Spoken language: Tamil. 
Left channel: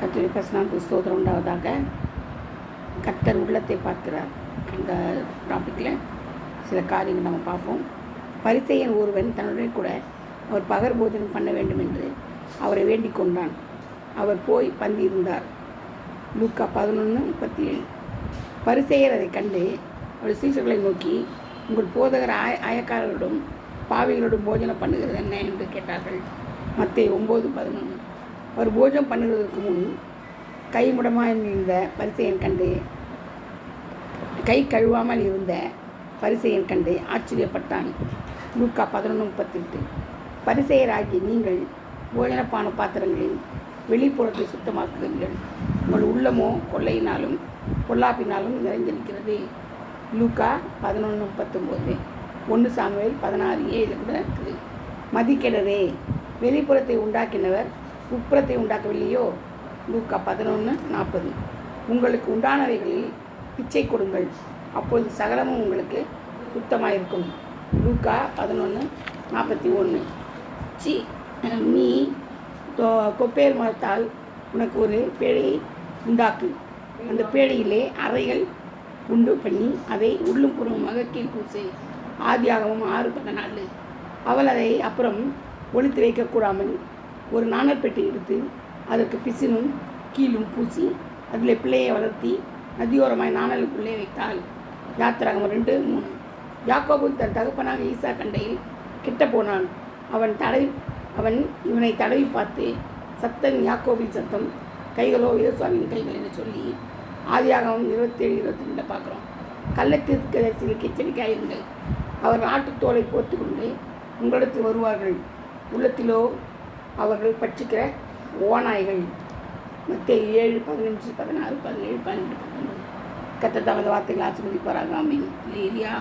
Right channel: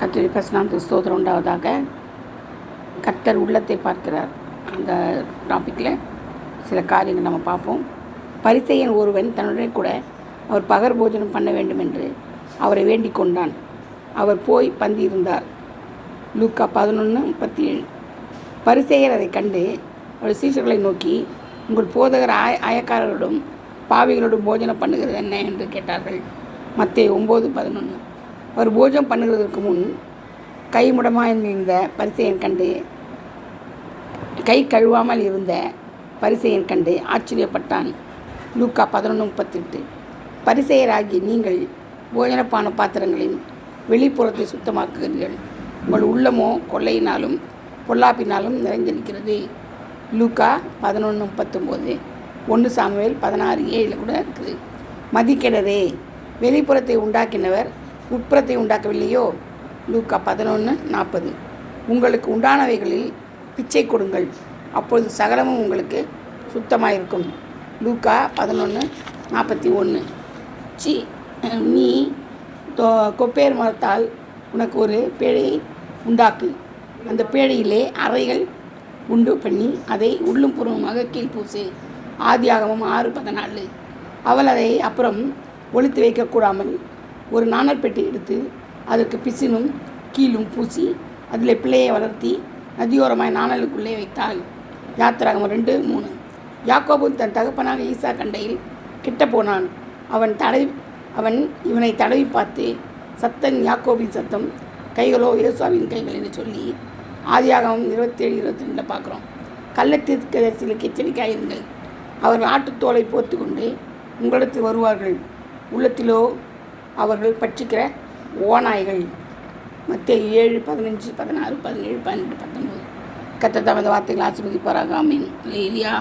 கர்த்தருடைய பரிசுத்த ஸ்தோத்திரம் உண்டாவதாக. கர்த்தர் உள்ளத்தை பார்க்கிறார். அந்த டாப்பிக்கில் சில காரியங்கள் நம்ம பார்ப்போம். பரிசேயன் ஒருவன் தன்னுடன் கூட அவர் பகர் போஜனம் பண்ண வேண்டும் என்று அவரை வேண்டிக் கொண்டான். அவர் போய் பந்தியிருந்தார். லூக்கா 11:37. பரிசேயர் அதை கண்டு அவர் சீஷர்களை நோக்கி, உங்கள் போதகர் அயக்காரரோடும் பாவிகளோடும் போஜனம் பண்ணுகிறது என்ன என்று கேட்டார்கள். மத்தேயு 9:11. அவர் போஜனம் பண்ணுவதற்கு முன் கைமுடமாயிருந்த பரிசேயன் கண்டு கை கழுவாமல் இருந்த பரிசேயன் கண்டு ஆச்சரியப்பட்டான். லூக்கா 11:38. பரிசேயராகி நீங்கள் போஜனப்பான பாத்திரங்களின் வெளிப்புறத்தை சுத்தமாக்குகிறீர்கள், உங்கள் உள்ளமோ கொள்ளையினாலும் பொல்லாப்பினாலும் நிறைந்திருக்கிறது. லூக்கா 11:19. 1 சாமுவேல் 16:7 கூட இருக்குது. மதிக்கெடரே, வெளிப்புறத்தை உண்டாக்கினவர் உட்புறத்தை உண்டாக்கவில்லையோ? லூக்கா 11:40. உங்களுக்கு உண்டானவைகளில் பிச்சை கொடுங்கள், அப்பொழுது சகலமும் உங்களுக்கு சுத்தமாயிருக்கும். லூக்கா 11:41. நீ கொப்பேர் மரத்தால் உனக்கு ஒரு பேழையை உண்டாக்கு, அந்த பேழையிலே அறைகள் உண்டு பண்ணி அதை உள்ளும் புறமுமாக கீழ்பூசு. ஆதியாகமம் 6:14. அவள் அதை அப்புறம் ஒளித்து வைக்கக்கூடாமல் ஒரு நாணல் பெட்டி எடுத்து அதற்கு பிசினும் கீழும் பூசி அதில் பிள்ளையை வளர்த்தி நதியோரமாய் நாணலுக்குள்ளே வைத்தாள். யாத்திராகமம் 2:3. யாக்கோபு தன் தகப்பனாக ஈசா கண்டையில் கிட்ட போனான். அவன் இவனை தடவி பார்த்து, சத்தன் யாக்கோபின் சத்தம், கைகளோ யோசுவாவின் கைகள் என்று சொல்லி ஆதியாகமம் 27:22 பார்க்குறோம். கள்ளத்தீர்க்கதரிசிகளுக்கு எச்சரிக்கையாயிருங்கள், அவர்கள் ஆட்டுத்தோலை போர்த்து கொண்டு உங்களிடத்தில் வருவார்கள், உள்ளத்திலோ அவர்கள் பட்சிக்கிற ஓநாய்கள். மத்தேயு 7:15, 16, 17, 18, 19. கர்த்தர் தமது வார்த்தைகள் ஆசீர்வதிப்பாராக. ஆமென். அல்லேலூயா.